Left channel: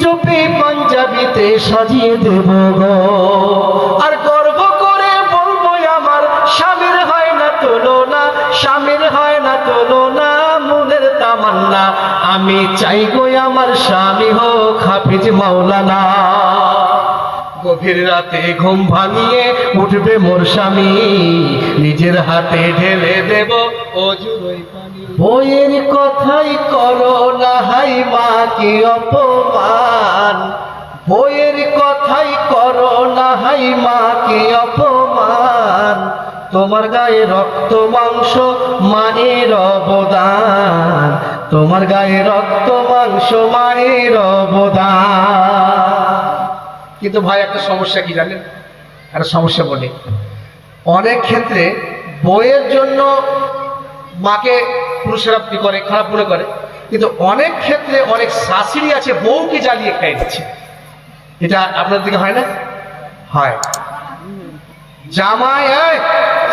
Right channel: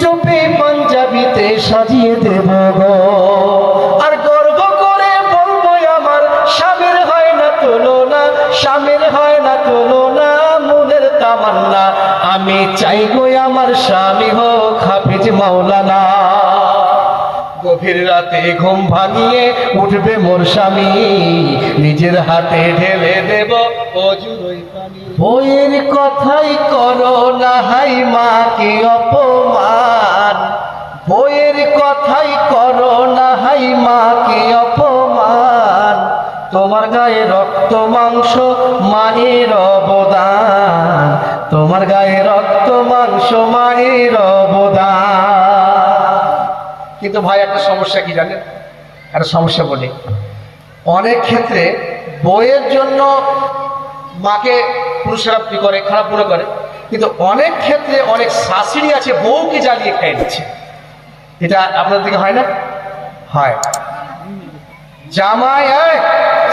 টুপি পাঞ্জাবিতে সাজিয়ে দেব গো। আর গর্ব করে বলব আমার স্বামীর হয় না তুলনা, স্বামীর হয় না তুলনা, মনের তামান্না। আমি চাই গো আমার স্বামী হোক হাফিজ মাওলানা। গভীর রাতে ঘুম ভাঙিয়ে উঠবে মোর স্বামী, নিজের হাতে ঢেলে দেব অজুর ওই পানি বইয়ের কথাই করো না, হাই মাকে অপমান? বইয়ের কথাই করো না, হাই মাকে অপমান? তোমার গায়ে রক্ত, মাংস, মায়ের অবদান। তোমার গায়ে রক্ত, মাংস, মায়ের অবদান। কিন্তু ভাই, একটা সমস্যা কি জানেন? একটা সমস্যা বলি। অনেক ক্ষেত্রে বইয়ের জন্য মাকে পুরুষেরা কি করে? খারাপ মনে করে। কিন্তু অনেক ক্ষেত্রে অনেক শাশুড়ি আছে, বউকে জ্বালিয়ে খেয়ে দিচ্ছে। এটা আপনার দিকে হয় না? হয়। জামাই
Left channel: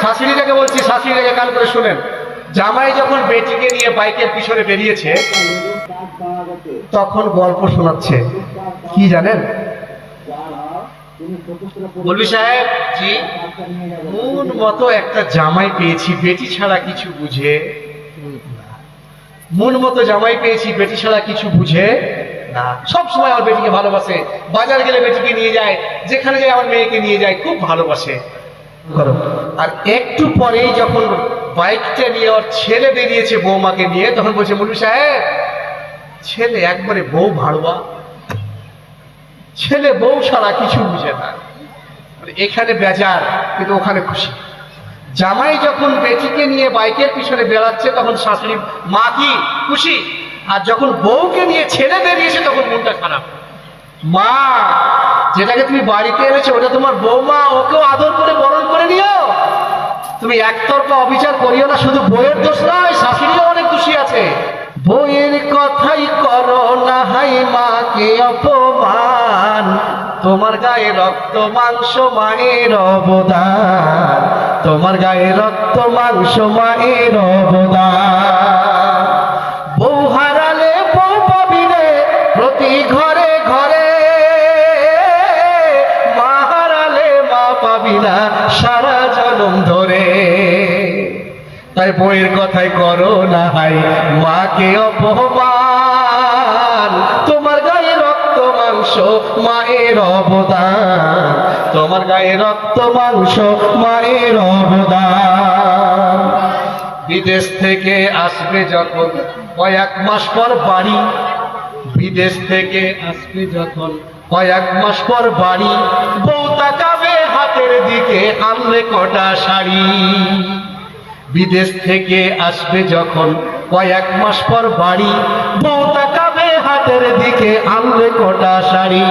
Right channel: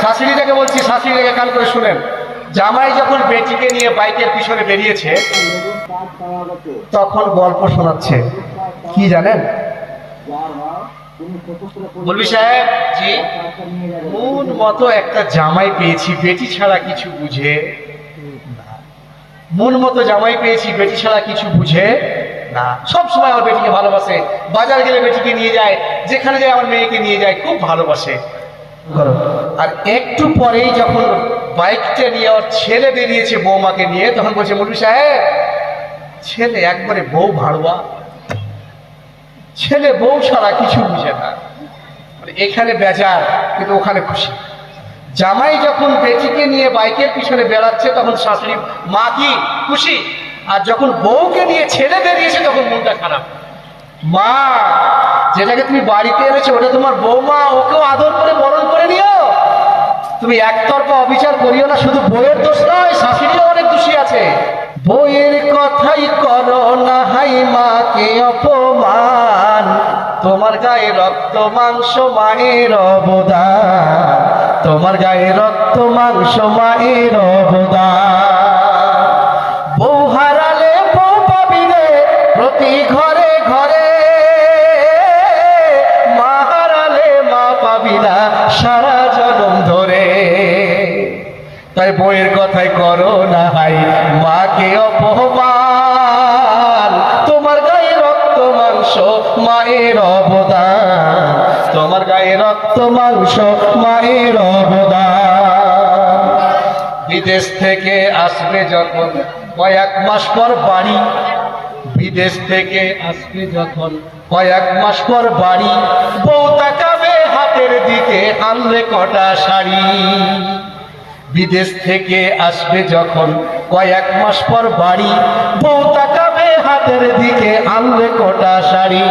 শাশুড়িটাকে বলছি, শাশুড়িটাকে কান করে শুনেন। জামাই যখন বেটিকে নিয়ে বাইকের পিছনে বেরিয়েছে, তখন গল্প শোনাচ্ছে। কি জানেন? বলবি সাহেব জি মতো একটা জামাই পেয়েছি, বেটি ছাড়া কিছু বুঝে। মন মতো জামাই পেয়েছি বেটি ছাড়া কিছু বুঝে না। সব সময় আমার বেটিকে ভালোবাসে বাজার গেলে বেটিকে নিয়ে যায় যেখানে যায় আমার মেয়েকে নিয়ে যায় খুব ভালোবাসে। করো। আর একটু পরেই যখন বাইকটা নিয়ে আমার ছেলে বেরিয়েছে বৌমাকে নিয়ে তখন বলছে মুলবি সাহেব ছেলে একবারে বউ ভাড়ুয়া। ছেলে বউ ছাড়া কিছু বুঝে না। মানে এখানে বেজার কিন্তু ওখানে খুশি। জামাই যখন বেটিকে নিয়ে বাইকের পিছনে বেড়াচ্ছে, তখন শাশুড়ি, মা কি খুশি? আর যখন বউকে নিয়ে ছেড়ে বেরিয়েছে, তখন মনটা খারাপ। মা, যেটাকে তুমি বাড়িতে এনেছো, ওটা তোমার বৌমা, ওকেও আদর করে বরণ করে নিও। তুমি একতরফা অবিচার করিও না, শুধু বইয়ের দোষ নয় শাশুড়িও অনেক খুশি আছে। বইয়ের কথাই করো না হাই মাকে অপমান, তোমার গায়ে রক্ত মাংস মায়ের অবদান তোমার গায়ে রক্ত মাংস মায়ের পাবি প্রতি ঘরে ঘরে। মা হারালে মা পাবি না সারা ধরে। তাই বইয়ের কথাই করো না হাই, মাকে অপমান। তোমার গায়ে রক্ত মাংস মায়ের অবদান। তোমার গায়ে রক্ত মাংস, মায়ের অবদান। বিদেশ থেকে আসবে যখন কয়েক মাস পর বাড়ি। বিদেশ থেকে আসবে যখন কয়েক মাস পর বাড়ি। বউ তাকাবে হাতের দিকে, আনলে কটা শাড়ি। বিদেশ থেকে আসবে যখন কয়েক মাস পর বাড়ি। বউ তাকাবে হাতের দিকে, আনলে কটা শাড়ি।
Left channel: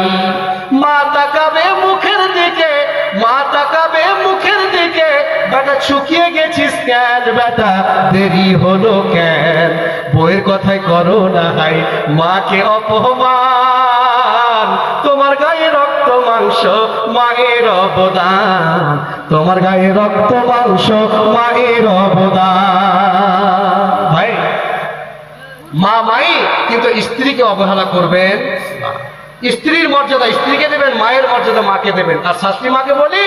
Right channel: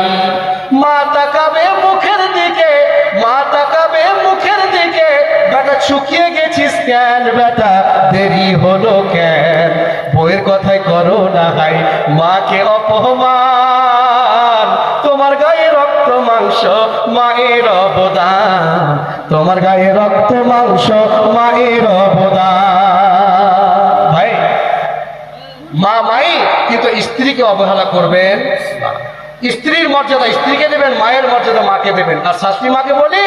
মুখের দিকে, বেটা, শুকিয়ে গেছিস কেন, বেটা? দেরি হলো কেন? বইয়ের কথায় করো না ভাই, মাকে অপমান। তোমার গায়ে রক্ত মাংস, মায়ের অবদান। তোমার গায়ে রক্ত মাংস, মায়ের অবদান। ভাই, মা মাই, কিন্তু স্ত্রীকে অবহেলা করবেন না। স্ত্রীর মর্যাদা, স্ত্রীকে দেবেন, মায়ের মর্যাদা মাকে দেবেন। আর শাশুড়ি মাকে বলি,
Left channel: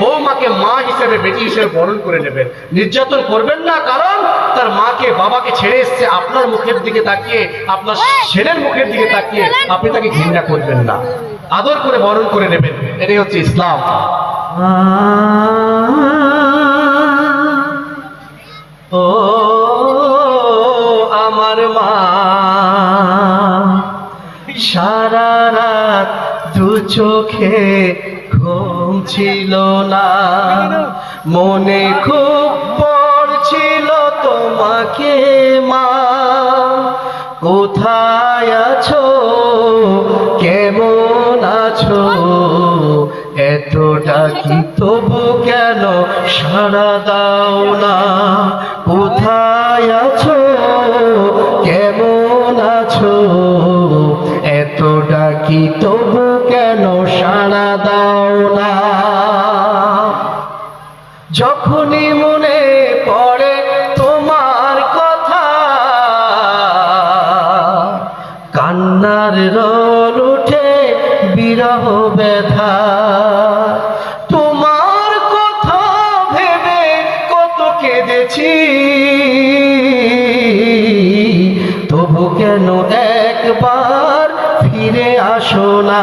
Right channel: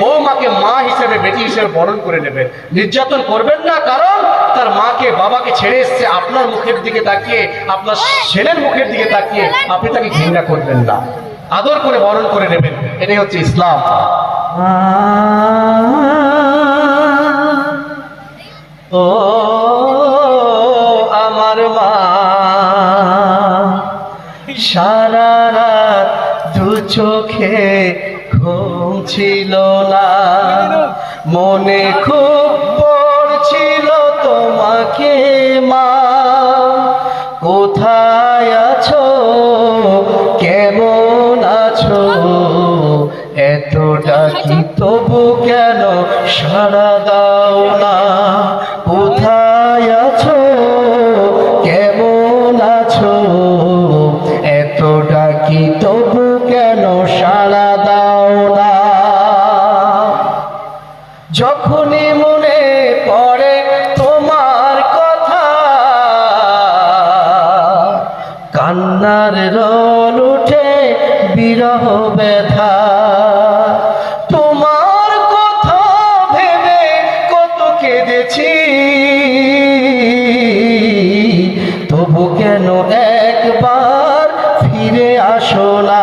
বউ মাকে মা হিসেবে, বেটি হিসেবে বরণ করে নেবেন। নির্যাতন করবেন না, কারণ তার মাকে, বাবাকে ছেড়ে এসছে, আপনার মুখের দিকে তাকিয়ে, আপনার ছেলের মুখের দিকে তাকিয়ে আপনি তাকে ঘৃণা করবেন না। আদর করে বরণ করে নেবেন। এটাই হচ্ছে ইসলাম। ও চোখে ঘুম ছিল না। মনে খুব পড়ছিল তোমাকে মা। কোথায় আছো? কেমন আছো? এতটা কি তবু কেন সারা দাও না? কোথায় আছো? সাড়া দাও না। যখনই মনে পড়ে তোমার কথা, কান্নার রোদ উঠে বিরহ ব্যথা। তোমার কথা ভেবে কত কেঁদেছি। তবু কেন একবার ফিরে আসো না?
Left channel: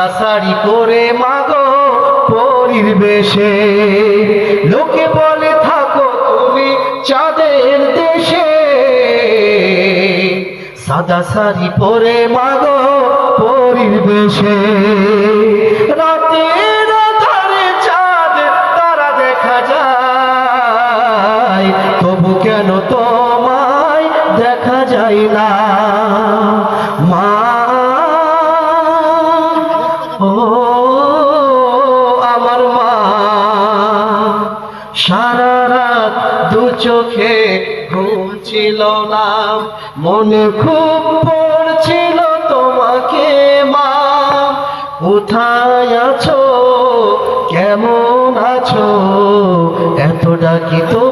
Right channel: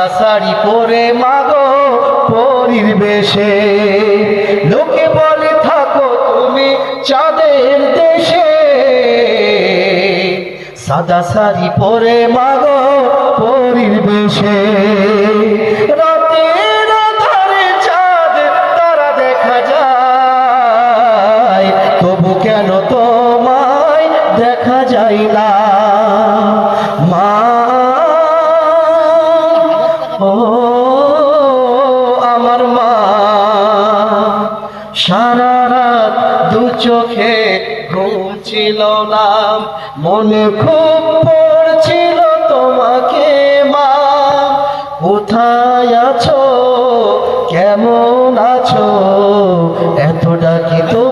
সাদা শাড়ি পরে মাগো পরিবেশে। লোকে বলে, থাকো তুমি চাঁদের দেশে। সাদা শাড়ি পরে মাগো পরিবেশে। ও আমার মা, সারা রাত দু চোখে ঘুম ছিল না, মনে খুব পড়ছিল তোমাকে মা। কোথায় আছো? কেমন আছো? এত ডাকি তো